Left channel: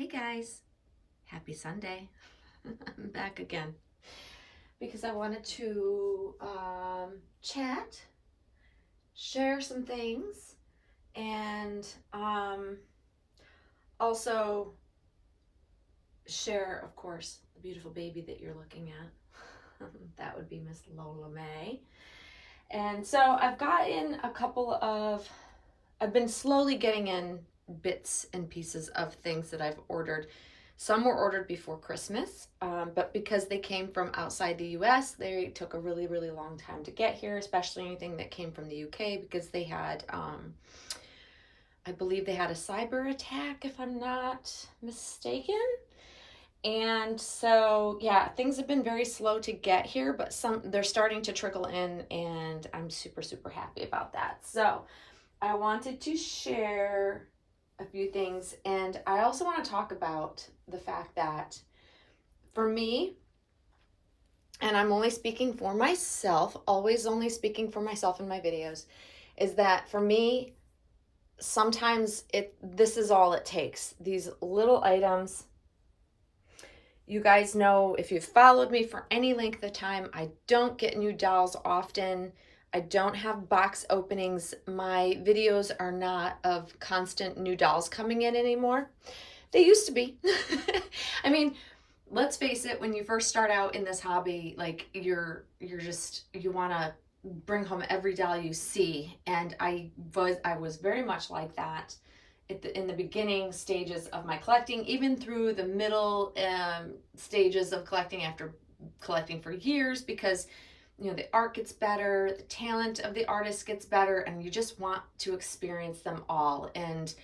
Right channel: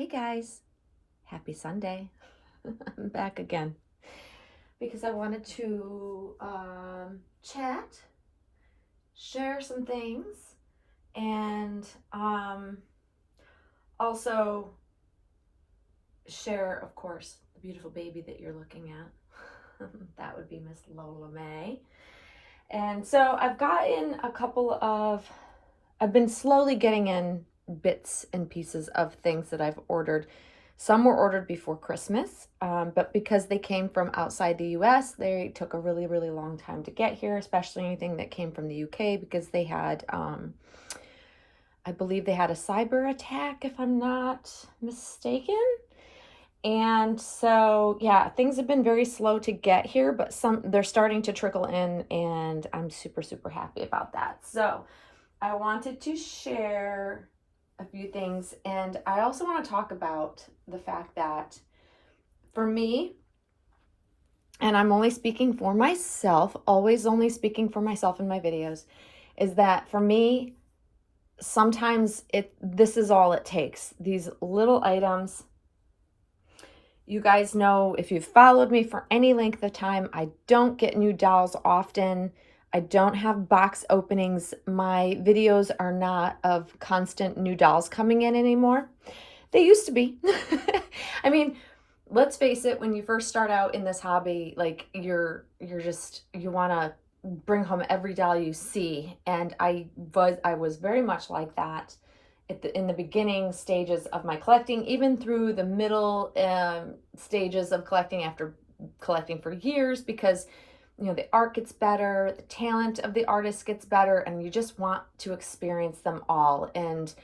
Hey guys, happy Sunday. I'm back again because I wanted to chat, share some things, and also share, of course, the beautiful baby that you're looking at. That would be Miss Lola May. And so I've been slowly getting in bits and pieces of things that I've ordered. Some were ordered before Christmas, but because they came from outside the US, they took a really, really long time to get here, especially anything that came from the UK because they had, I believe they had a cyber attack, if I'm not mistaken. And so, yeah, things have been very slow to get here, but they're starting to trickle in, and I'm super, super happy about that. So, I wanted to share a few things, and I also want to talk about the fact that for me, and I'm only speaking for myself, always only speaking for myself in my videos, is that for me, sometimes this is all it takes. These little items. You guys know, if you've followed me for any length of time, I don't get new dolls often. I don't have box openings. My videos are not of constant new dolls coming in anymore. They used to be. I mean, let's face it, when you first start out in this hobby, like you want to bring home every doll you see, and I was very much like that in the beginning stages of my collecting, even through the middle stages of collecting after collecting for years, because the art gets better, the talent of the artist gets better, and you just want to experience them all. And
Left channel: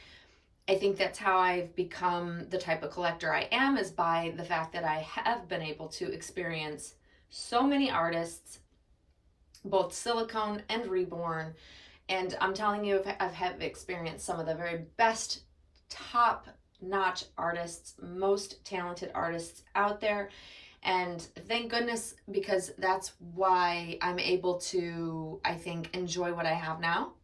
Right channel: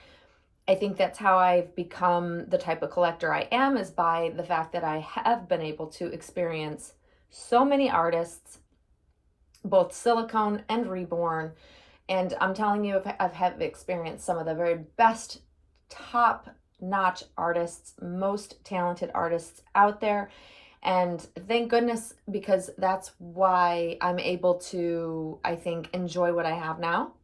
I think that's how I've become the type of collector I am, is by the fact that I have been able to experience so many artists, both silicone and reborn. And I'm telling you, I've experienced some of the very best, top-notch artists, most talented artists out there. And thank goodness, because that's why I'm able to, I think, enjoy what I have now.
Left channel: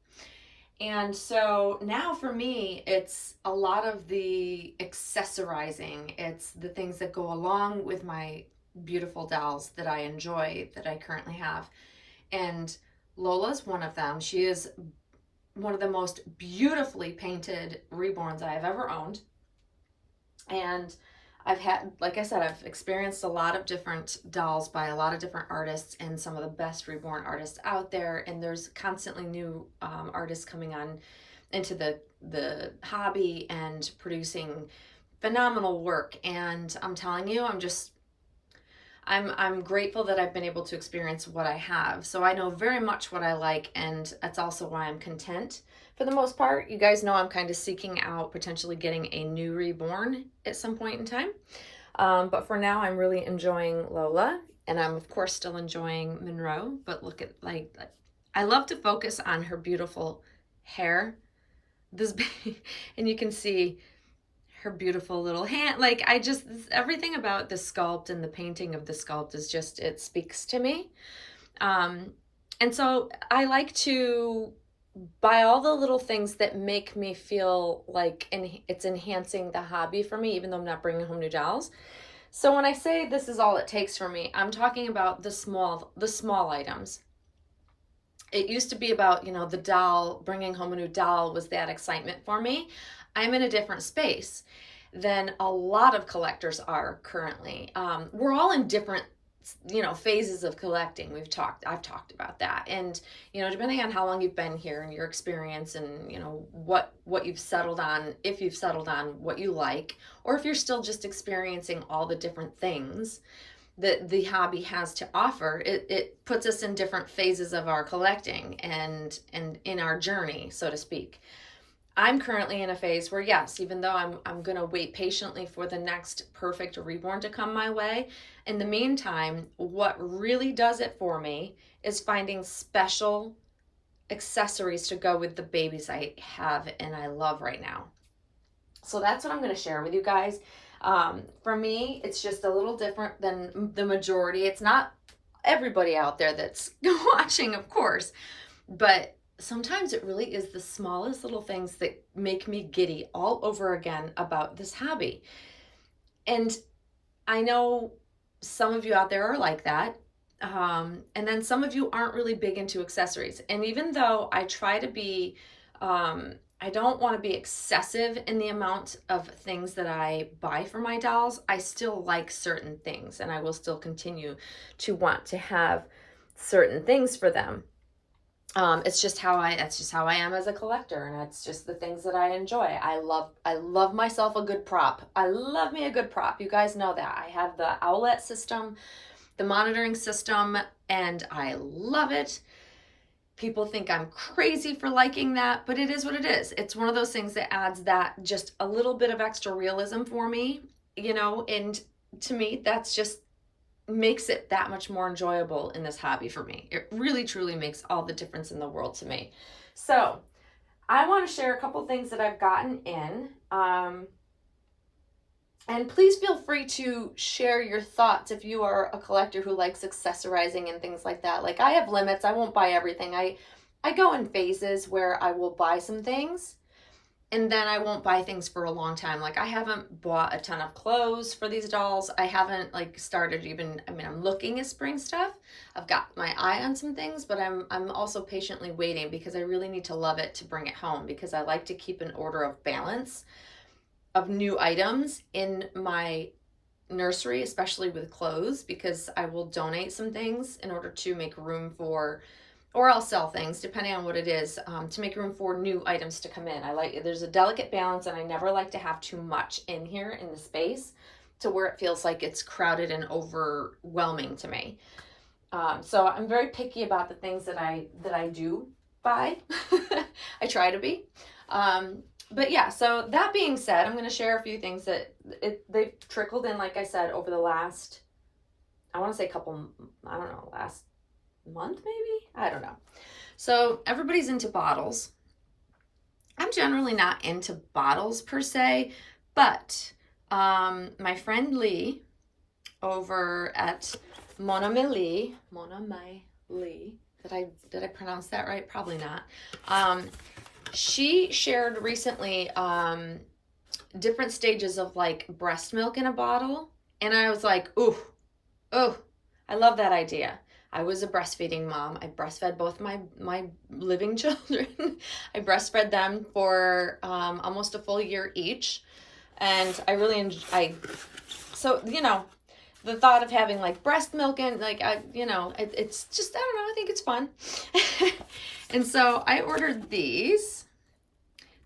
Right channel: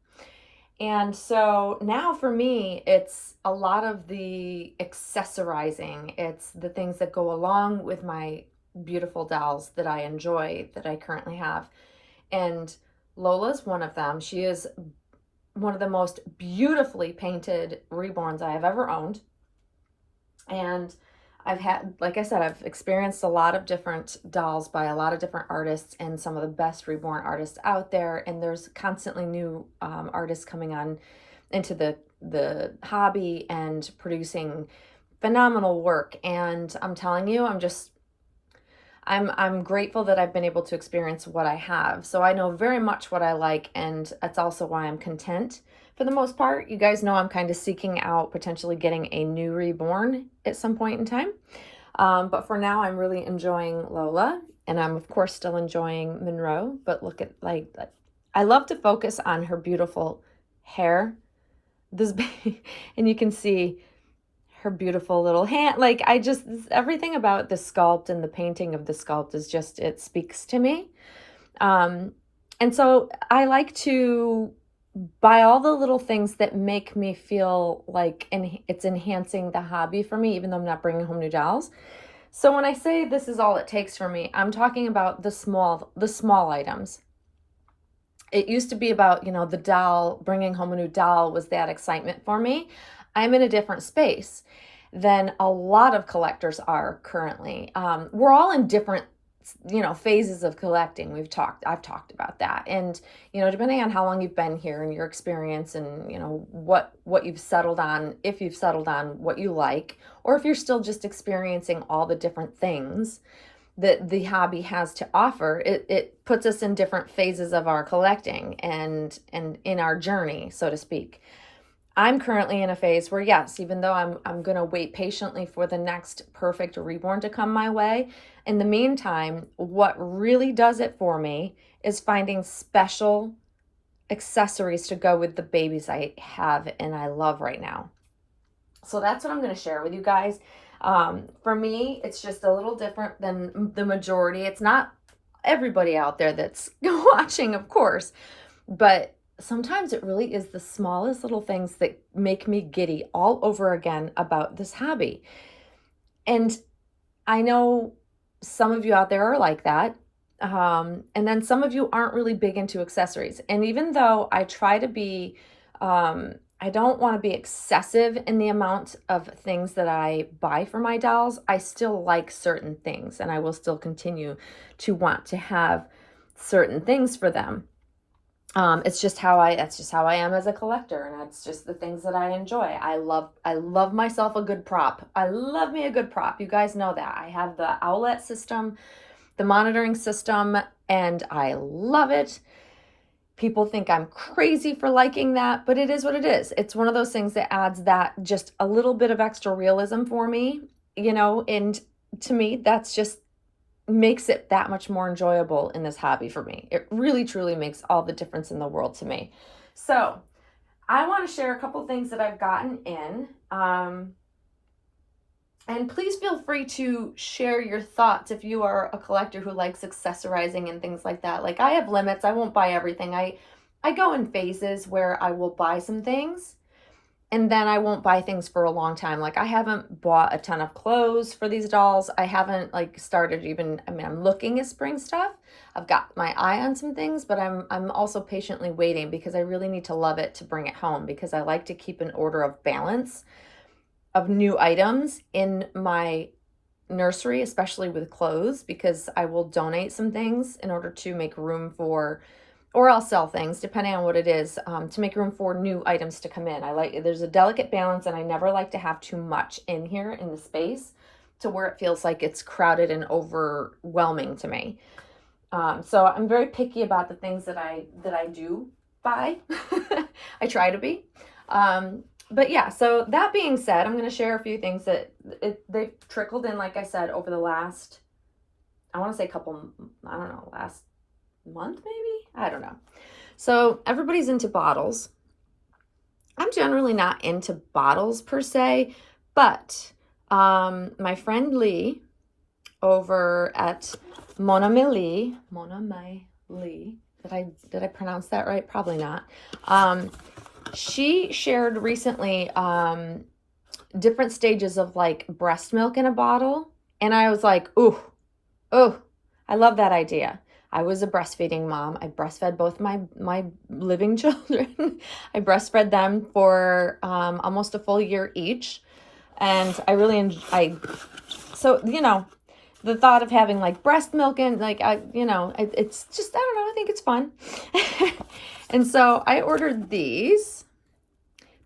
And so now for me, it's a lot of the accessorizing. It's the things that go along with my beautiful dolls that I enjoy, that I currently have. And Lola's one of them. She is one of the most beautifully painted reborns I have ever owned. And I've had, like I said, I've experienced a lot of different dolls by a lot of different artists and some of the best reborn artists out there. And there's constantly new artists coming on into the hobby and producing phenomenal work. And I'm telling you, I'm grateful that I've been able to experience what I have. So I know very much what I like, and that's also why I'm content for the most part. You guys know I'm kind of seeking out potentially getting a new reborn at some point in time. But for now, I'm really enjoying Lola, and I'm of course still enjoying Monroe. But look at like I love to focus on her beautiful hair. And you can see her beautiful little hand. Like, everything about the sculpt and the painting of the sculpt is just, it speaks to me. And so I like to buy all the little things that make me feel like it's enhancing the hobby for me, even though I'm not bringing home new dolls. So when I say this is all it takes for me, I'm talking about the small items. It used to be about, the doll, bringing home a new doll was that excitement for me. I'm in a different space than a lot of collectors are currently. We're all in different, phases of collecting. I've talked about that. And, depending on how long you've been here and your experience and, what you've settled on, if you've settled on what you like, or if you're still just experiencing all the different things that the hobby has to offer, it puts us in different phases of our collecting and in our journey, so to speak. I'm currently in a phase where, yes, even though I'm going to wait patiently for the next perfect reborn to come my way, in the meantime, what really does it for me is finding special accessories to go with the babies I have and I love right now. So that's what I'm going to share with you guys. For me, it's just a little different than the majority. It's not everybody out there that's watching, of course, but sometimes it really is the smallest little things that make me giddy all over again about this hobby. And I know some of you out there are like that. And then some of you aren't really big into accessories. And even though I try to be, I don't want to be excessive in the amount of things that I buy for my dolls, I still like certain things and I will still continue to want to have certain things for them. That's just how I am as a collector, and it's just the things that I enjoy. I love myself a good prop. I love me a good prop. You guys know that. I have the Owlet system, the monitoring system, and I love it. People think I'm crazy for liking that, but it is what it is. It's one of those things that adds that just a little bit of extra realism for me, and to me, that's just makes it that much more enjoyable in this hobby for me. It really truly makes all the difference in the world to me. So I want to share a couple things that I've gotten in. And please feel free to share your thoughts if you are a collector who likes accessorizing and things like that. Like, I have limits. I won't buy everything. I go in phases where I will buy some things and then I won't buy things for a long time. Like, I haven't bought a ton of clothes for these dolls. I haven't started even, I'm looking at spring stuff. I've got my eye on some things, but I'm also patiently waiting because I really need to love it to bring it home, because I like to keep an order of balance of new items in my nursery, especially with clothes, because I will donate some things in order to make room for, or I'll sell things depending on what it is, to make room for new items to come in. There's a delicate balance, and I never like to have too much in here in the space to where it feels like it's crowded and overwhelming to me. So I'm very picky about the things that I do buy. I try to be. But yeah, so that being said, I'm going to share a few things that they've trickled in, like I said, over the last, I want to say last month maybe? I don't know. So everybody's into bottles. I'm generally not into bottles per se, but my friend Lee over at Monogrammed, did I pronounce that right? Probably not. She shared recently different stages of like breast milk in a bottle, and I was like, ooh, I love that idea. I was a breastfeeding mom. I breastfed both my living children. I breastfed them for almost a full year each, and I really so the thought of having like breast milk and it's just, I don't know, I think it's fun. And so I ordered these.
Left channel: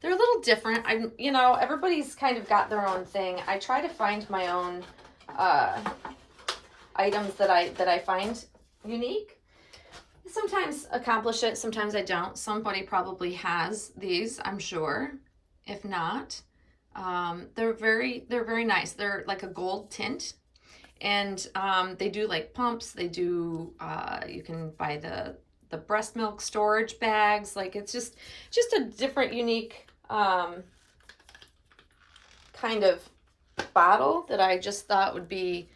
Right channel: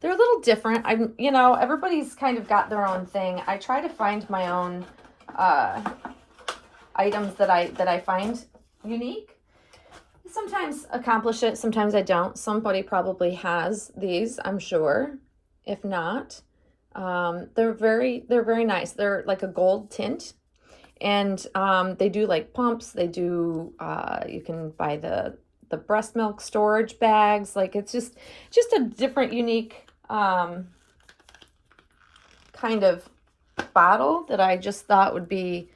They're a little different. Everybody's kind of got their own thing. I try to find my own items that I find unique. Sometimes accomplish it, sometimes I don't. Somebody probably has these, I'm sure. If not, they're very nice. They're like a gold tint, and they do like pumps. They do. You can buy the breast milk storage bags. Like, it's just a different, unique kind of bottle that I just thought would be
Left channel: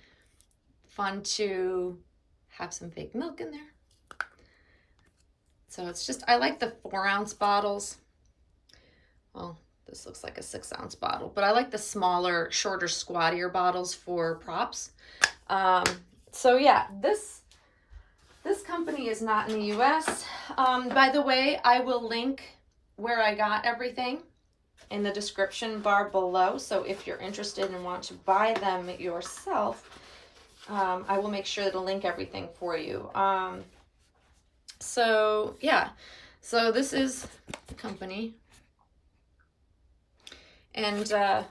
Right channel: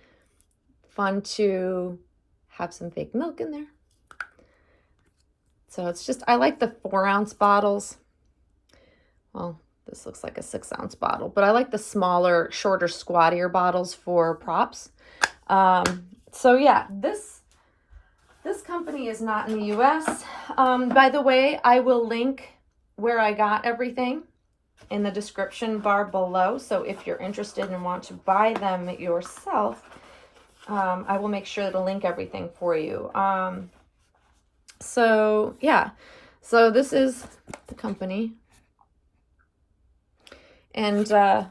fun to have some fake milk in there. So it's just, I like the 4-ounce bottles. Well, this looks like a 6-ounce bottle, but I like the smaller, shorter, squattier bottles for props. So yeah, this company is not in the US. By the way, I will link where I got everything in the description bar below. So if you're interested and want to buy them yourself, I will make sure to link everything for you. So yeah, so this is the company, and yeah,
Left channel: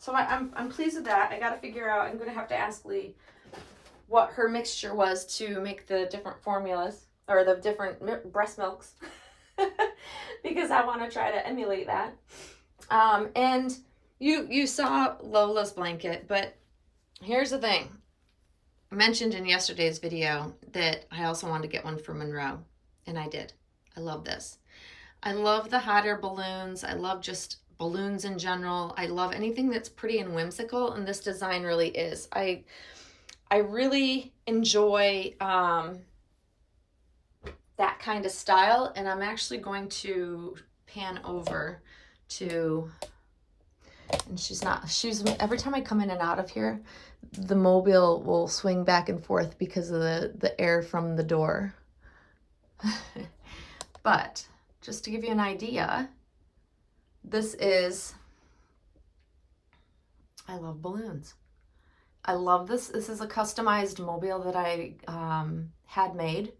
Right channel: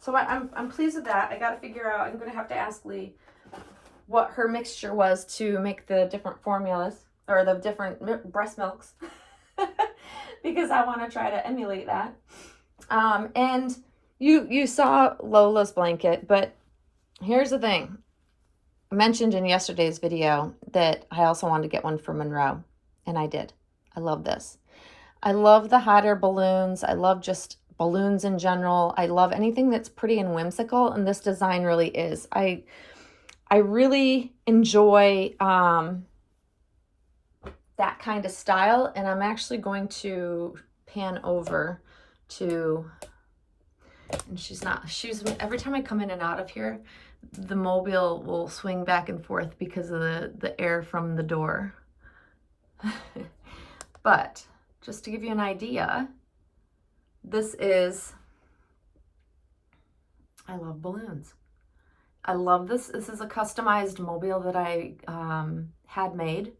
so I'm pleased with that. I got to figure out, I'm gonna have to ask Lee what her mixture was to make the different formulas, or the different breast milks, because I want to try to emulate that. And you saw Lola's blanket, but here's the thing. I mentioned in yesterday's video that I also wanted to get one for Monroe, and I did. I love this. I love the hot air balloons. I love just balloons in general. I love anything that's pretty and whimsical, and this design really is. I really enjoy that kind of style. And I'm actually going to pan over to, and she's every time I come in and out of here, the mobile will swing back and forth because of the air from the door. But just to give you an idea, this is, I love balloons. I love this. This is a customized mobile that I had made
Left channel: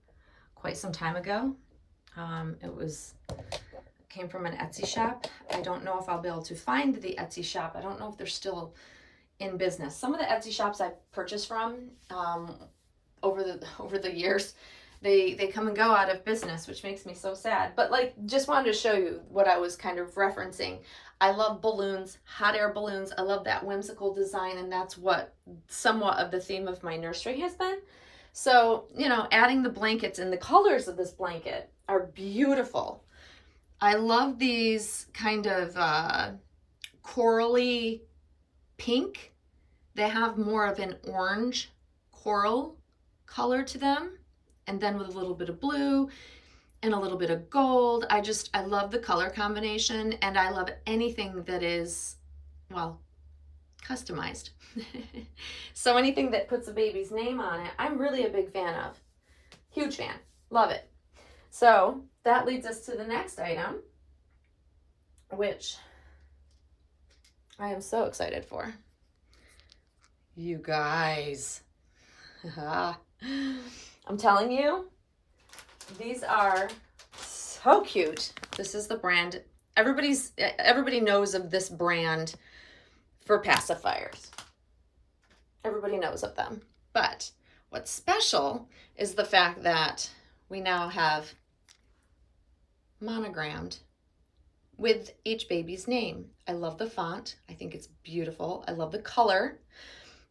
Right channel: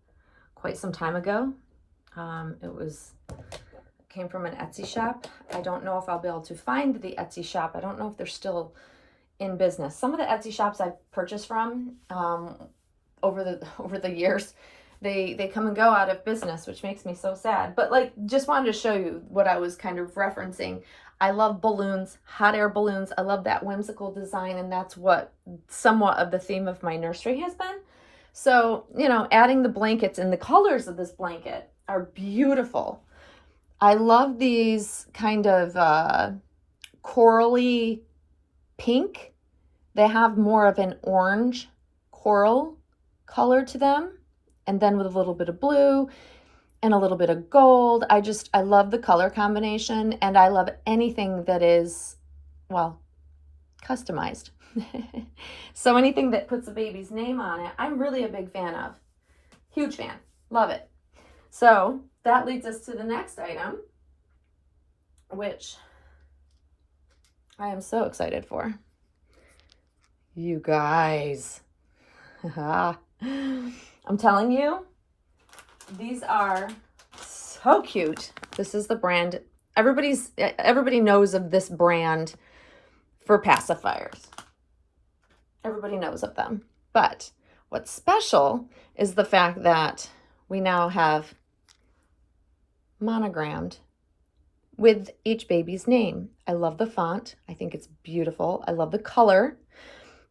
quite some time ago. It came from an Etsy shop. I don't know if I'll be able to find the Etsy shop. I don't know if they're still in business. Some of the Etsy shops I've purchased from over the years, they come and go out of business, which makes me so sad. But like, just wanted to show you what I was kind of referencing. I love balloons, hot air balloons. I love that whimsical design, and that's what somewhat of the theme of my nursery has been. So, you know, adding the blankets, and the colors of this blanket are beautiful. I love these kind of corally pink. They have more of an orange coral color to them, and then with a little bit of blue and a little bit of gold. I love the color combination, and I love anything that is, well, customized. So anything that puts a baby's name on it, I'm really a big fan of. Huge fan. Love it. So that leads us to the next item, which I am so excited for. You guys. I'm telling you, these are so cute. This is the brand. Everybody knows of this brand for pacifiers. Everybody knows of them. But what's special is the fact that we now have monogrammed with each baby's name. I love the font. I think it's beautiful. I love the color.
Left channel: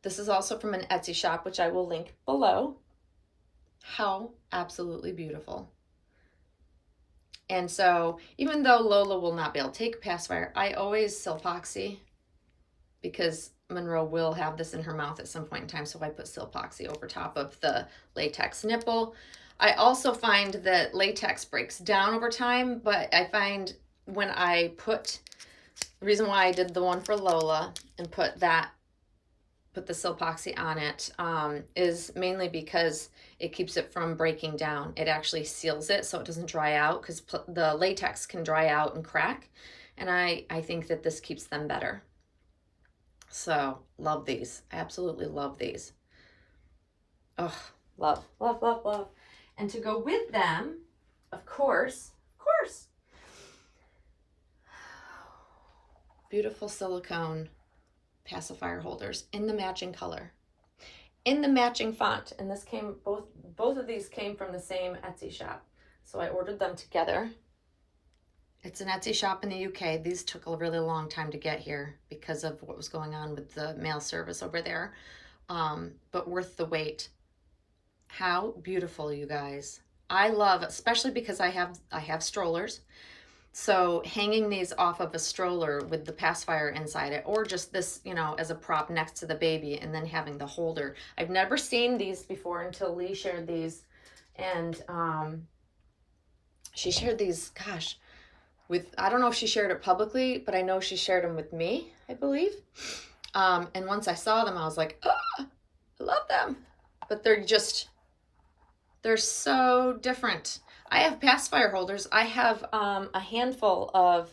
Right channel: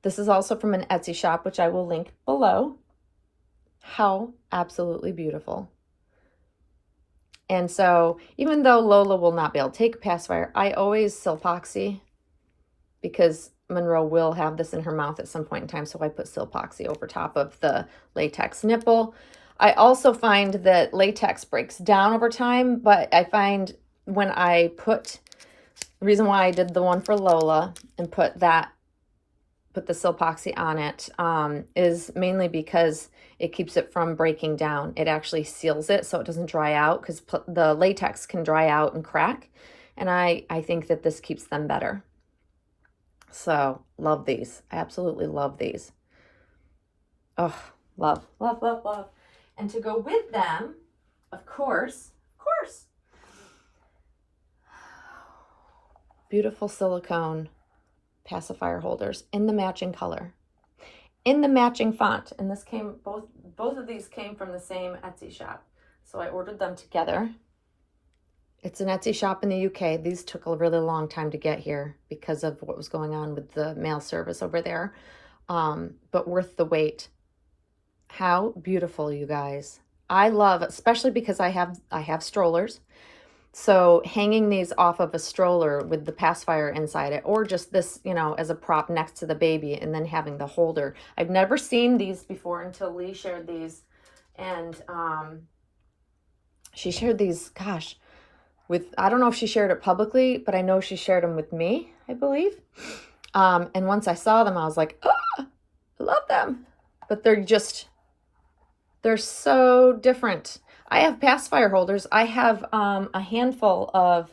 This is also from an Etsy shop, which I will link below. How absolutely beautiful. And so even though Lola will not be able to take a pacifier, I always Silpoxy, because Monroe will have this in her mouth at some point in time, so I put Silpoxy over top of the latex nipple. I also find that latex breaks down over time, but I find when I put, the reason why I did the one for Lola and put the Silpoxy on it is mainly because it keeps it from breaking down. It actually seals it so it doesn't dry out, because the latex can dry out and crack, and I think that this keeps them better. So love these. I absolutely love these. Oh, love, love, love, love. And to go with them, of course, beautiful silicone pacifier holders in the matching color, in the matching font. And this came, both of these came from the same Etsy shop. So I ordered them together. It's an Etsy shop in the UK. These took a really long time to get here because of what was going on with the mail service over there. But worth the wait. How beautiful, you guys. I love, especially because I have strollers. So hanging these off of a stroller with the pacifier inside it, or just this, you know, as a prop next to the baby, and then having the holder. I've never seen these before until Lee shared these. And she shared these, gosh, with, I don't know if she shared it publicly, but I know she shared them with me, I believe. And once I saw them, I was like, oh, I love them. But they're so different. I have pacifier holders. I have a handful of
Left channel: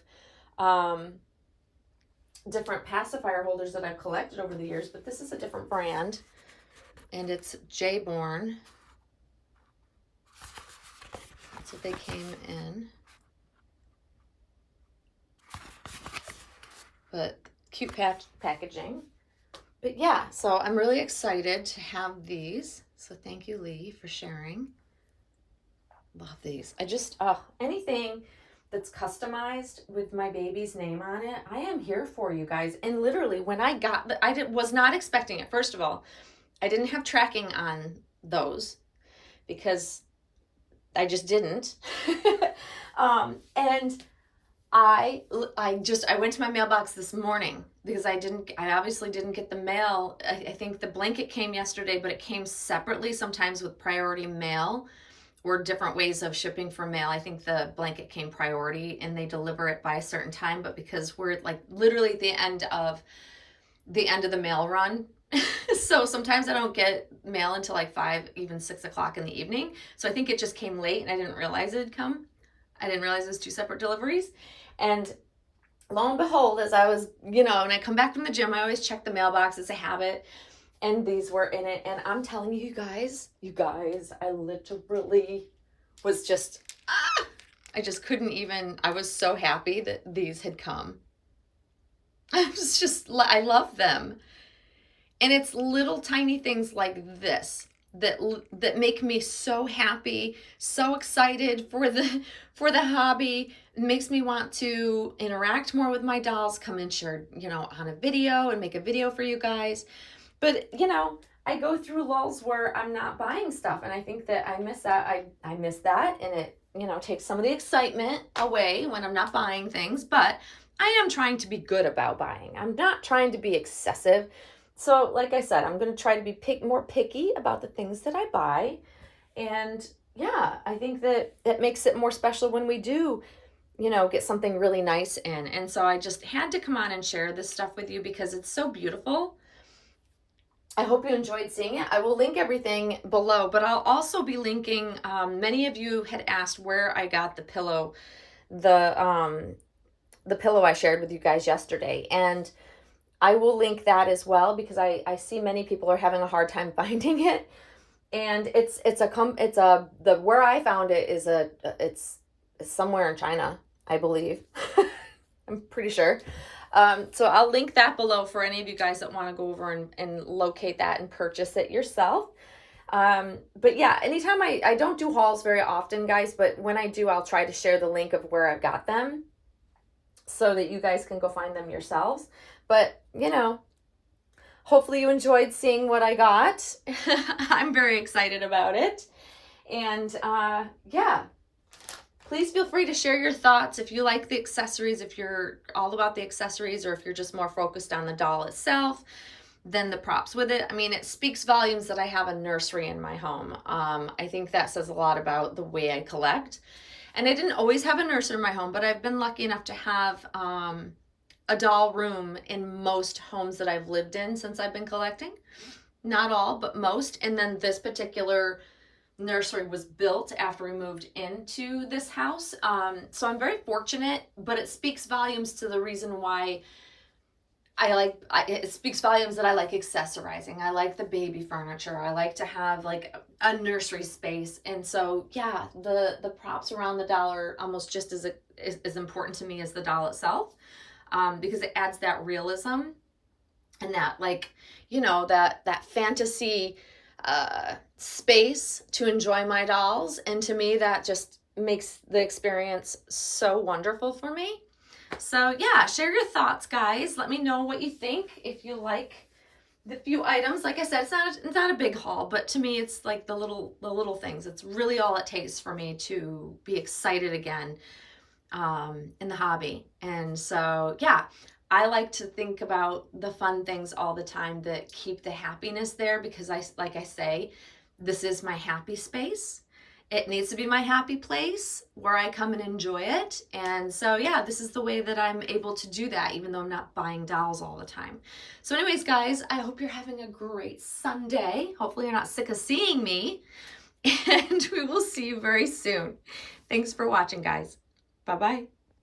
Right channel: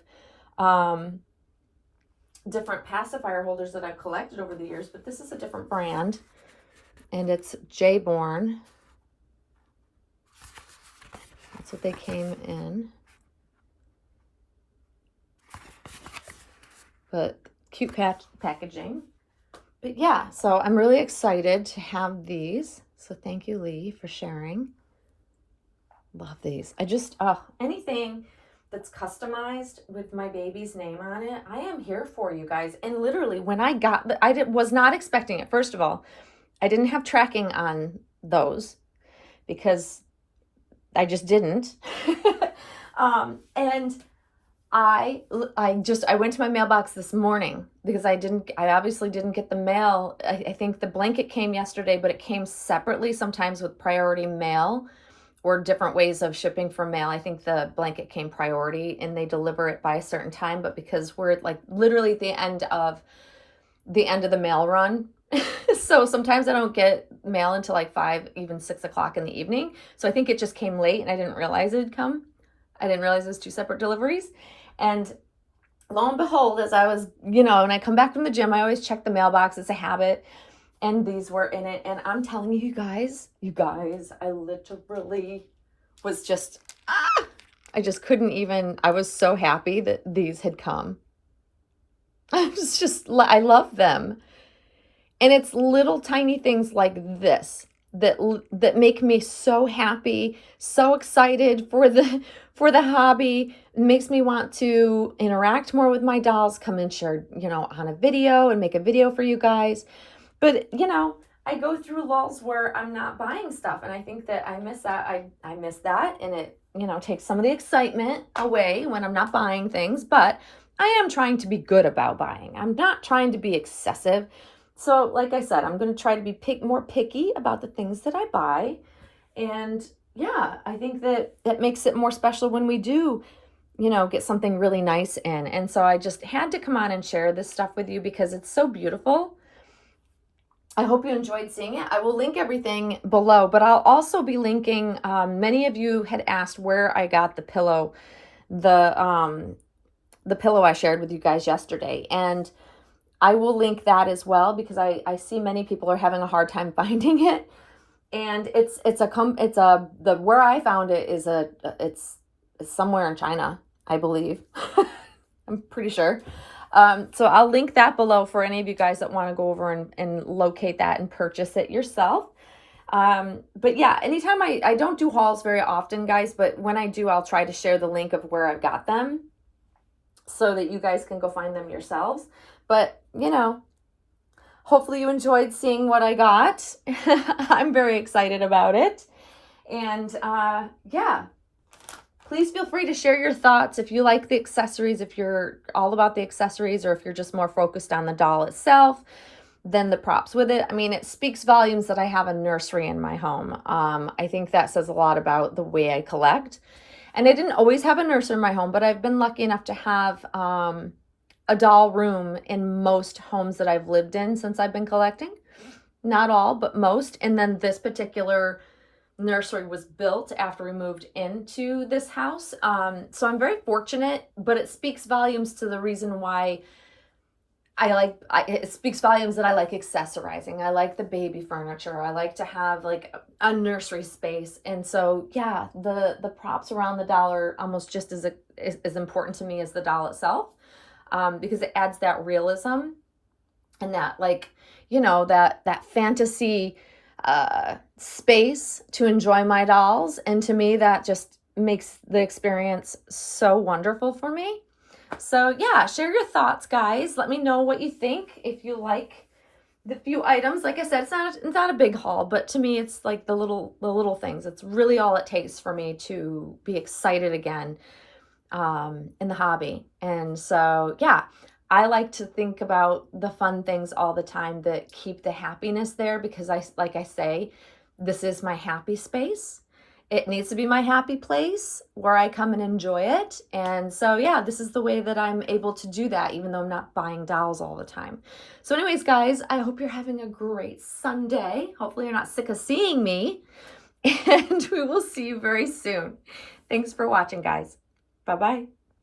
different pacifier holders that I've collected over the years, but this is a different brand, and it's J-Born. That's what they came in. But cute packaging. But yeah, so I'm really excited to have these. So thank you, Lee, for sharing. Love these. I just, anything that's customized with my baby's name on it, I am here for, you guys. And literally when I got, was not expecting it. First of all, I didn't have tracking on those because I just didn't. And I went to my mailbox this morning because I obviously didn't get the mail. I think the blanket came yesterday, but it came separately, sometimes with priority mail, or different ways of shipping from mail. I think the blanket came priority and they deliver it by a certain time, but because we're like literally at the end of the mail run, so sometimes I don't get mail until like 5, even 6 o'clock in the evening. So I think it just came late and I didn't realize it had come. I didn't realize it was 2 separate deliveries. And lo and behold, as I was, when I come back from the gym, I always check the mailbox. It's a habit. And these were in it. And I'm telling you guys, I literally was just, I just couldn't even, I was so happy that these had come. I love them. And it's little tiny things like this that make me so happy, so excited for the hobby. It makes me want to interact more with my dolls, come and share, on a video and make a video for you guys. But, I go through lulls where I'm not buying stuff, and I think that I miss that. I miss that, and it, takes some of the excitement away when I'm not buying things, but I am trying to be good about buying. I'm not trying to be excessive. So like I said, I'm going to try to be more picky about the things that I buy. And yeah, I think that it makes it more special when we do, get something really nice in. And so I just had to come on and share this stuff with you because it's so beautiful. I hope you enjoyed seeing it. I will link everything below, but I'll also be linking, many of you had asked where I got the pillow, the pillow I shared with you guys yesterday. And I will link that as well because I see many people are having a hard time finding it. And where I found it is it's somewhere in China, I believe. I'm pretty sure. So I'll link that below for any of you guys that want to go over and locate that and purchase it yourself. But yeah, anytime I don't do hauls very often, guys, but when I do, I'll try to share the link of where I've got them so that you guys can go find them yourselves. But, hopefully you enjoyed seeing what I got. I'm very excited about it. And yeah, please feel free to share your thoughts if you like the accessories, if you're all about the accessories, or if you're just more focused on the doll itself than the props with it. I mean, it speaks volumes that I have a nursery in my home. I think that says a lot about the way I collect. And I didn't always have a nursery in my home, but I've been lucky enough to have a doll room in most homes that I've lived in since I've been collecting. Not all, but most. And then this particular nursery was built after we moved into this house. So I'm very fortunate, but it speaks volumes to the reason why it speaks volumes that I like accessorizing. I like the baby furniture. I like to have like a nursery space. And so, yeah, the props around the doll are almost just as important to me as the doll itself. Because it adds that realism and that that fantasy space to enjoy my dolls. And to me, that just makes the experience so wonderful for me. So yeah, share your thoughts, guys. Let me know what you think. If you like the few items, like I said, it's not a big haul, but to me, it's like the little things. It's really all it takes for me to be excited again in the hobby. And so, yeah, I like to think about the fun things all the time that keep the happiness there because like I say, this is my happy space. It needs to be my happy place where I come and enjoy it. And so, yeah, this is the way that I'm able to do that, even though I'm not buying dolls all the time. So anyways, guys, I hope you're having a great Sunday. Hopefully you're not sick of seeing me. And we will see you very soon. Thanks for watching, guys. Bye-bye.